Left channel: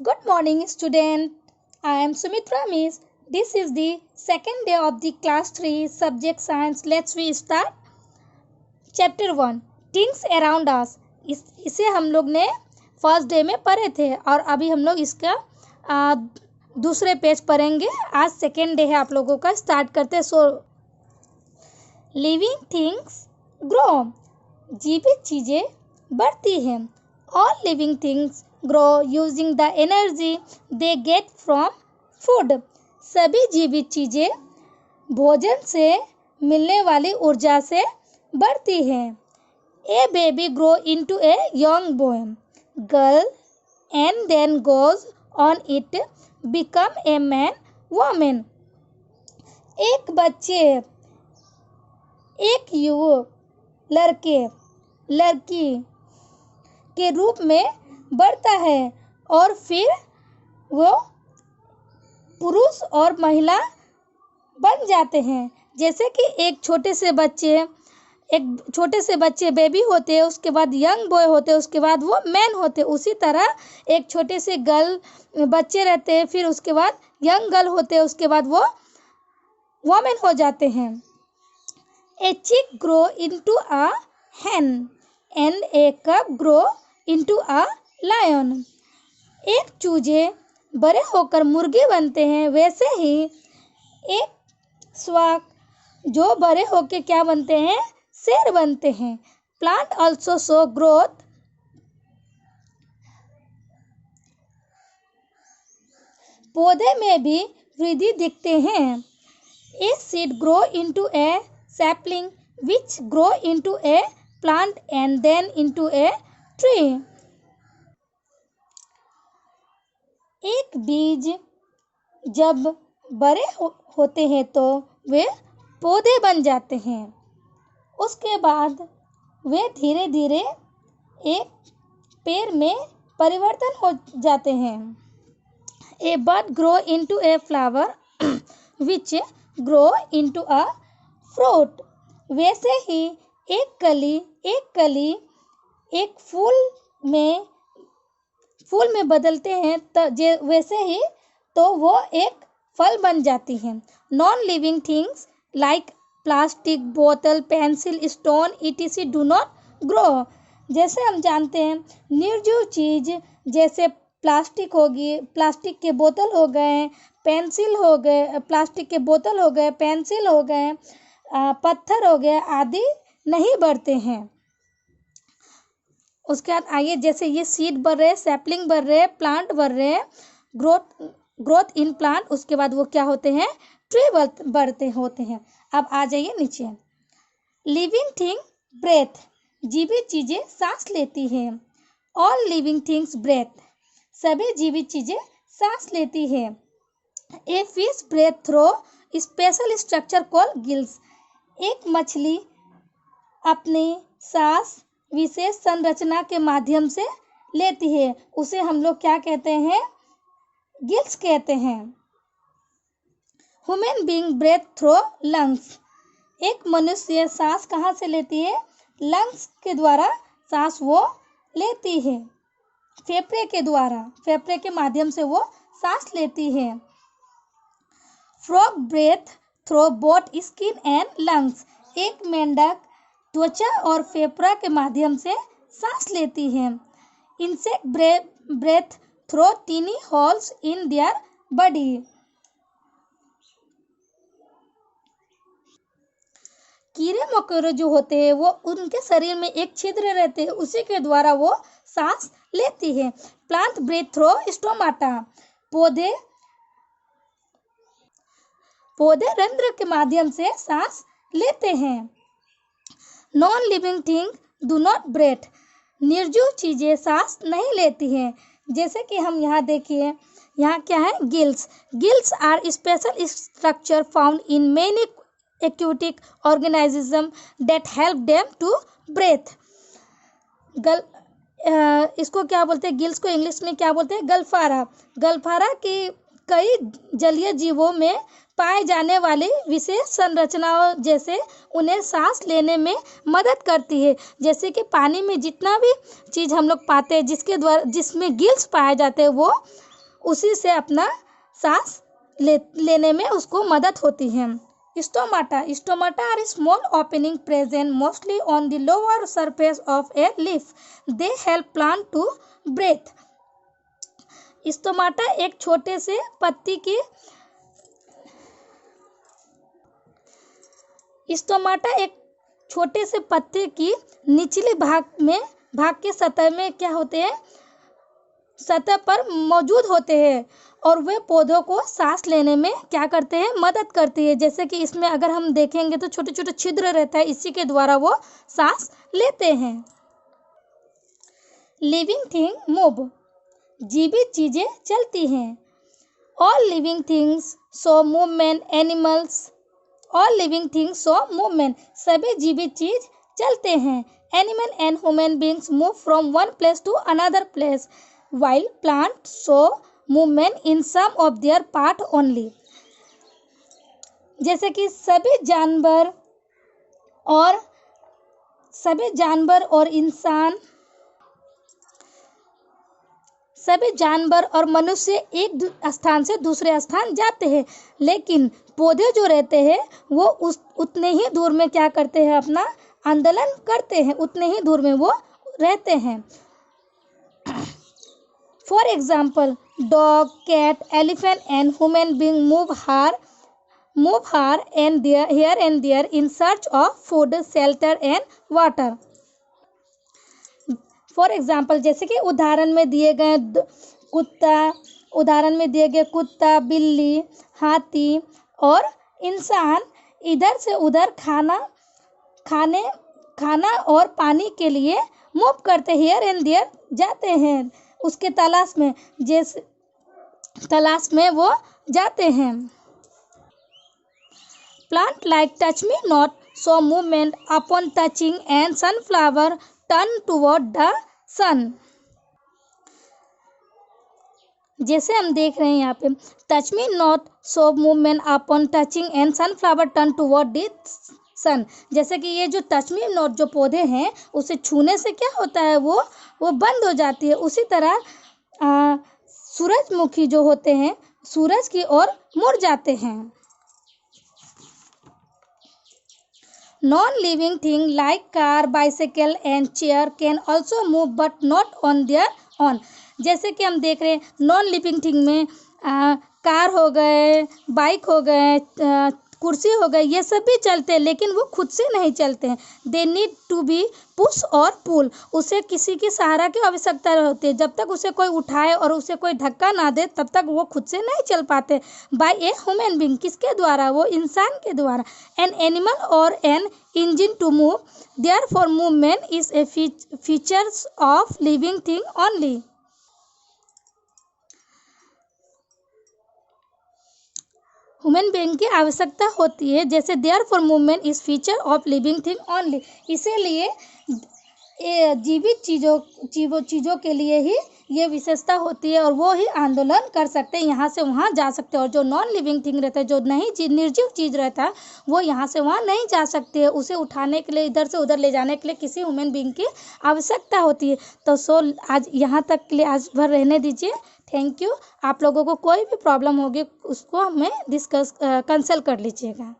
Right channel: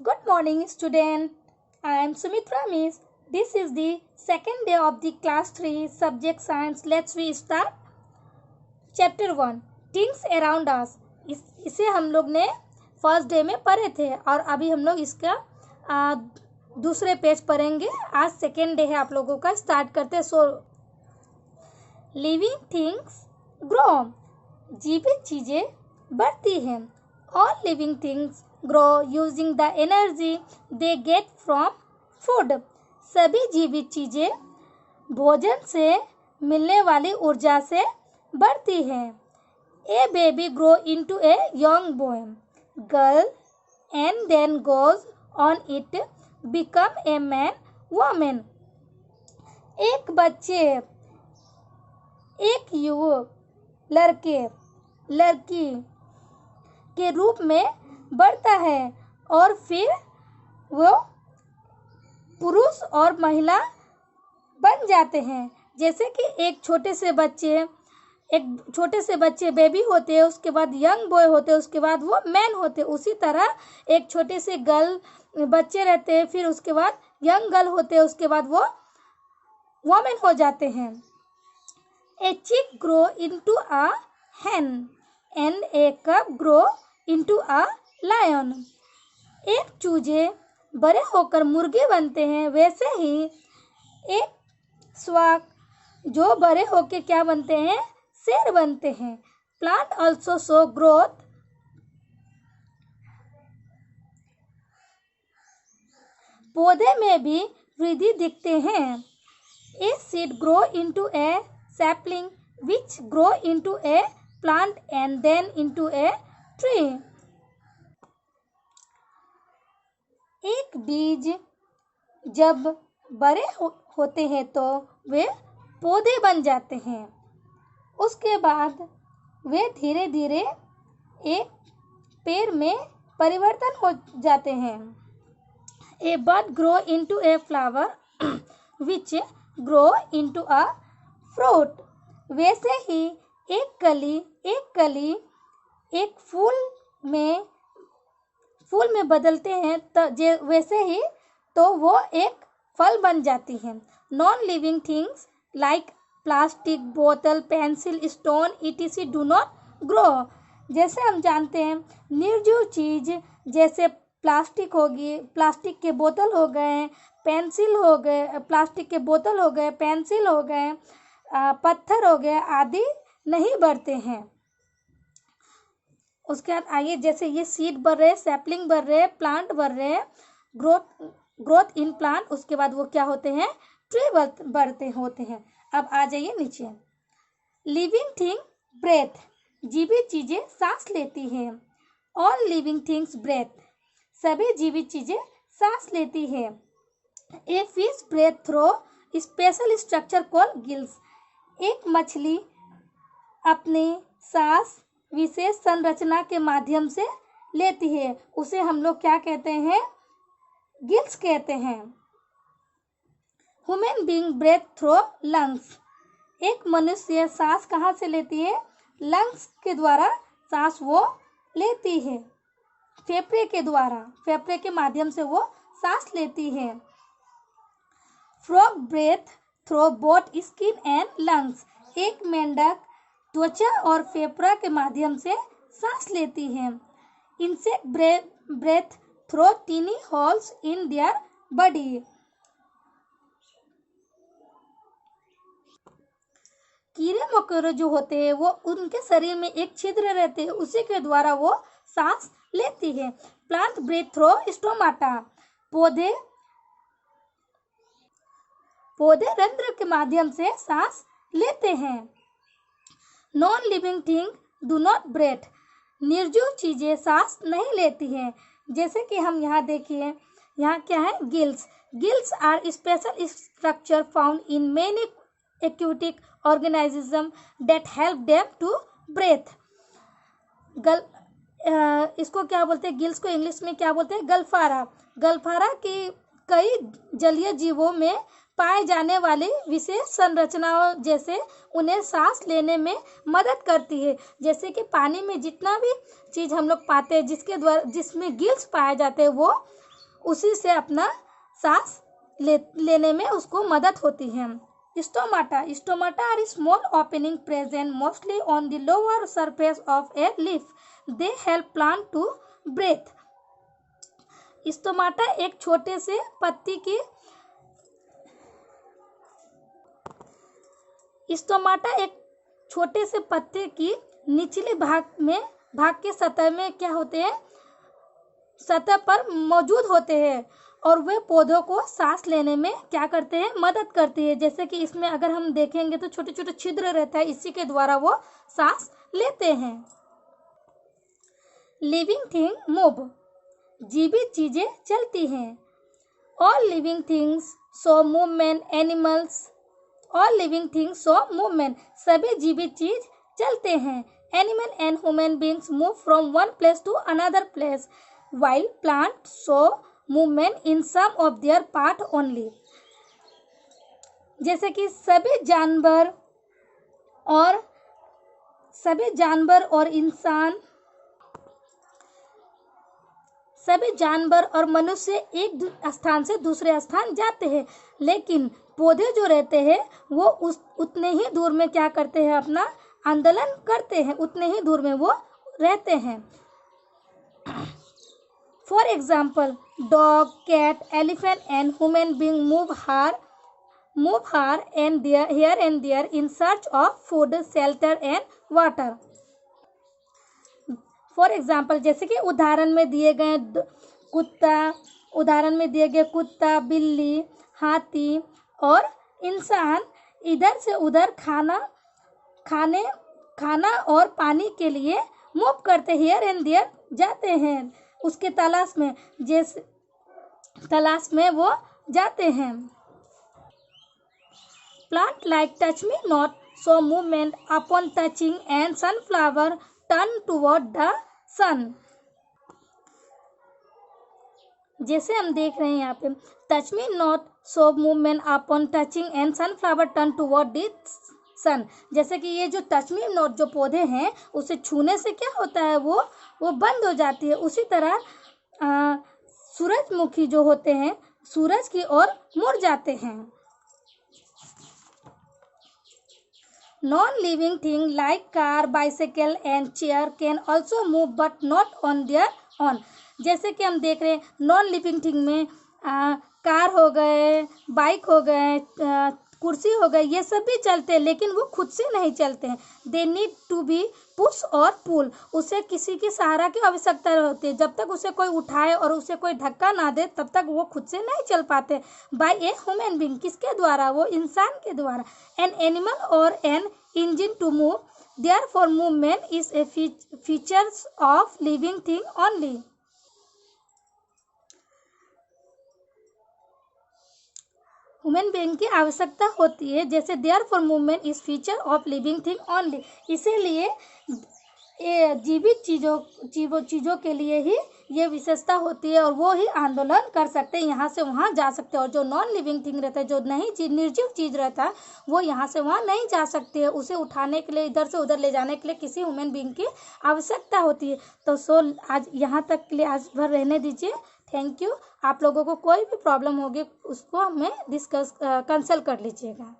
Good morning, student. I am Sumitra Miss. This is the second day of the class 3 subject science. Let's we start. Chapter 1 Things Around Us. इसे हम लोग ने first day में पढ़े थे और अभी हम लोग इसका दूसरे पेज पढ़ेंगे. आज सेकेंड डे है आप लोगों का. स्टार्ट करते हैं. Living things grow. जीवित चीज़ें बढ़ती हैं. All living things grow using the energy they get from food. सभी जीवित चीज़ें भोजन से मिलने वाली ऊर्जा से बढ़ती हैं. A baby grow into a young boy, girl, and then goes on it become a man, woman. एक बच्चे, एक युवक, लड़के, लड़की के रूप में बढ़ता है और फिर वो पुरुष और महिला बन जाते हैं. जैसे कि एक छोटे से बच्चे बेबी होते हैं, उसके बाद यंग बॉय होते हैं, उसके बाद वो मैन होते हैं. उसी तरह एक छोटे से गर्ल बच्चे रहते हैं, फिर उसके बाद यंग गर्ल होते हैं, उसके बाद वो वोमेन हो जाते हैं. ए चिक grow into a hen and a cub grow into a lion. एक चूजे बड़े होकर मुर्गे बनते हैं, वैसे ही एक स्वाक जो बड़े होकर क्या बनते हैं, शेर बनते हैं. Plant also show growth. पौधे में भी वृद्धि दिखते हैं. A seed grow into A sapling which grow into a plant and then into a tree. एक बीज जब बड़े होते हैं तो वे पौधे बन जाते हैं. उसके बाद वे धीरे धीरे एक पेड़ में परिवर्तन हो जाते हैं. A bud grow into a flower which grow into a fruit. वैसे ही एक कली एक फूल में बदलते हैं तो वैसे ही तो वो एक फल बन जाती है. Non living things like plastic, बोतल, pencil, stone etc do not grow. जैसे हम जानते हैं निर्जीव चीज जैसे प्लास्टिक के बोतल हो गए, पेंसिल हो गए, प्लास्टिक के बोतल हो गए, पेंसिल हो गए, पत्थर हो गए आदि नहीं बढ़ते हैं. उसके बाद आइए, जैसे ये सीड बढ़ रहे, सैपलिंग बढ़ रहे, प्लांट बढ़ रहे, ग्रोथ इन प्लांट, उसके बाद वो क्या होते हैं, ट्री बढ़ते होते हैं. अब आ जाइए नीचे. Living thing breathe. जीवित चीजें सांस लेती हैं. All living things breathe. सभी जीवित चीजें सांस लेती हैं. A fish breathe through special structure called gills. एक मछली अपनी सांस विशेष संरचना के माध्यम से लेती है, उसे हम लोग क्या कहते हैं, गिल्स कहते हैं. Human being breathe through lungs. एक मनुष्य सांस कहाँ से लेती है, लंग्स के द्वारा सांस वो लेती है, फेफड़े के माध्यम से वो सांस लेती है. Frog breathe through both skin and lungs. एक मेंढक त्वचा और फेफड़ा के माध्यम से सांस लेती है. Insect breathe through tiny holes in their body. कीड़े मकोड़े जो होते हैं वो उनके शरीर में एक छिद्र रहते हैं, उसी के द्वारा वो सांस लेती है. Plant breathe through stomata. पौधे रंध्र के माध्यम से सांस लेते हैं. Non living thing do not breathe. निर्जीव चीजें सांस नहीं लेती हैं. जैसे कि हम यहाँ देखिए, यहाँ क्या है, gills. Gills are special structure found in many aquatic organism that help them to breathe. इसको क्या बोलते हैं, गिल्स को इंग्लिश में क्या बोलते हैं, गलफारा. गलफारा की कई जलीय जीवों में पाए जाने वाली विशेष संरचनाओं जैसे उन्हें सांस लेने में मदद करती है। जैसे कि पानी में जितना भी चीज़ हम लोग पाते हैं जिसमें गिल्स पाए जाते हैं, वो उसी से अपना सांस लेने में उसको मदद होती है। Stomata are small opening present mostly on the lower surface of a leaf. They help plant to breathe. Stomata एक छोटे से पत्ते की निचले भाग के सतह में क्या होते हैं, सतह पर मौजूद होते हैं और वे पौधों को सांस लेने में क्या करते हैं, मदद करती है। जैसे कि इसमें अगर हम देखेंगे तो छोटे छोटे छिद्र रहता है, इसी के द्वारा वो सांस लेते हैं। लिविंग थिंग मूव, जीवित चीजें चलती हैं। All living things show movement, animals all living things show movement, सभी जीवित चीज चलते हैं। Animal and human beings move from one place to another place while plants show movement in some of their part only. जैसे कि सभी जानवर और मनुष्य एक स्थान से दूसरे स्थान जाते हैं, लेकिन पौधे जो रहते हैं वो उतने ही दूर में क्या करते हैं, अपना आंदोलन करते हैं, उतने ही दूर में वो रहते हैं। For example, dog, cat, elephant and human being move here and there in search of food, shelter and water. For example, जैसे कि उदाहरण में दिए गए कुत्ता, बिल्ली, हाथी और इंसान इधर से उधर खाना और पानी के लिए मूव करते हियर एंड देयर जाते हैं, उसके तलाश में वो जाते हैं। Plant like touch me not show movement upon touching and sunflower turn toward the sun. जैसे हम देख रहे हैं यहाँ पे, touch me not show movement upon touching and sunflower turn toward the sun. जैसे कि ये जो टच मी नॉट जो पौधे हैं, उसे छूने से क्या होता है, वो बंद हो जाती है। उसी तरह सूरजमुखी जो होते हैं सूरज की ओर मुड़ जाते हैं। Non living thing like car, bicycle and chair can also move but not on their own. जैसे कि हम देख रहे हैं नॉन लिविंग थिंग में कार हो गए, बाइक हो गए, कुर्सी हो गई, ये सब भी चलते हैं, लेकिन वो खुद से नहीं चलते हैं। They need to be push और पुल, उसे किसी की सहारा की आवश्यकता होती है। जब तक उसे कोई उठाए और उसे कोई धक्का ना दे तब तक वो खुद से नहीं चल पाते। बाय ए ह्यूमन बीइंग, किसके द्वारा, वो इंसान के द्वारा। एन एनिमल और an engine to move, therefore movement is a features of living thing only. Human being की आवश्यकता होती है, जैसे therefore movement is feature of living thing only. इसीलिए जीवित चीज़ों के लिए ही ये विशेषता होती है और वो ही आंदोलन कर सकते हैं, यहाँ से वहाँ जा सकते हैं। और जो नॉन लिविंग थिंग रहता है, जो निर्जीव चीज़ रहता है, वो यहाँ से वहाँ नहीं जा सकती है। उसे उठाने के लिए, इधर से उधर ले जाने के लिए किसी ह्यूमन बीइंग की आवश्यकता होती है। तो आज यहाँ तक के लिए आज भर रहने दीजिए। Thank you. आप लोगों को कोई भी प्रॉब्लम होगी उसको हमें कंसल्ट कर लीजिएगा।